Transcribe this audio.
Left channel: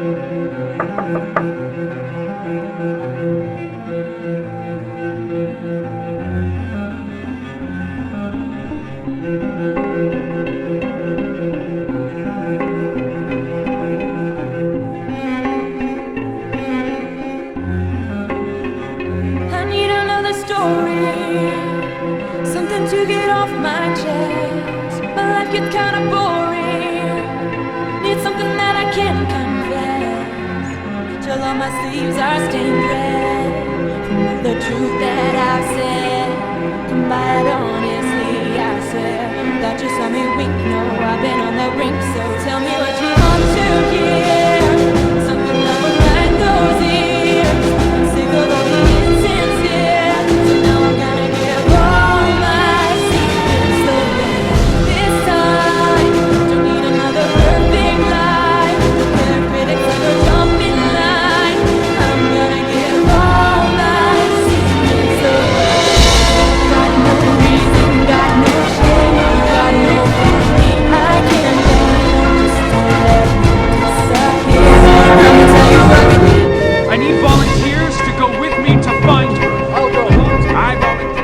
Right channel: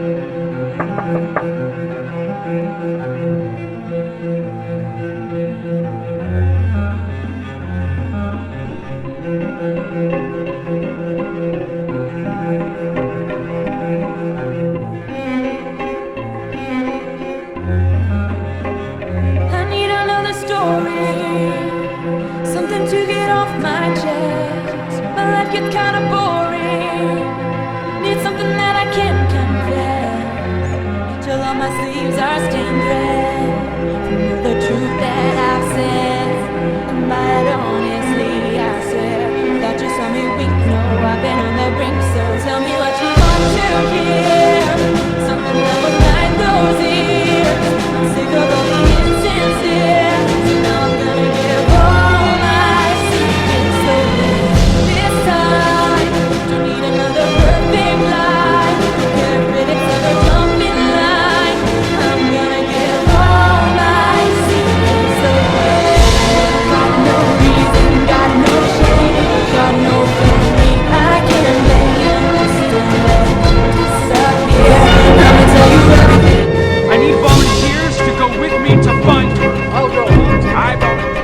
I need another story, something to get off my chest. My life gets kinda boring, need something that I can confess. Till all my sleeves are stained red from all the truth that I've said. Come by it honestly, I swear. Thought you saw me wink, no, I've been on the brink. So tell me what you want to hear, something that will light those ears. I'm sick of all the insincere, so now I'm gonna give all my secrets away. This time, don't need another perfect lie. Don't care if critics ever jump in line. I'm gonna give all my secrets away. Got no reason, got no shame, got no family I can blame. Just don't let me disappear. I'ma tell you everything. I need volunteers to go with me to find her. I'll go. I volunteer.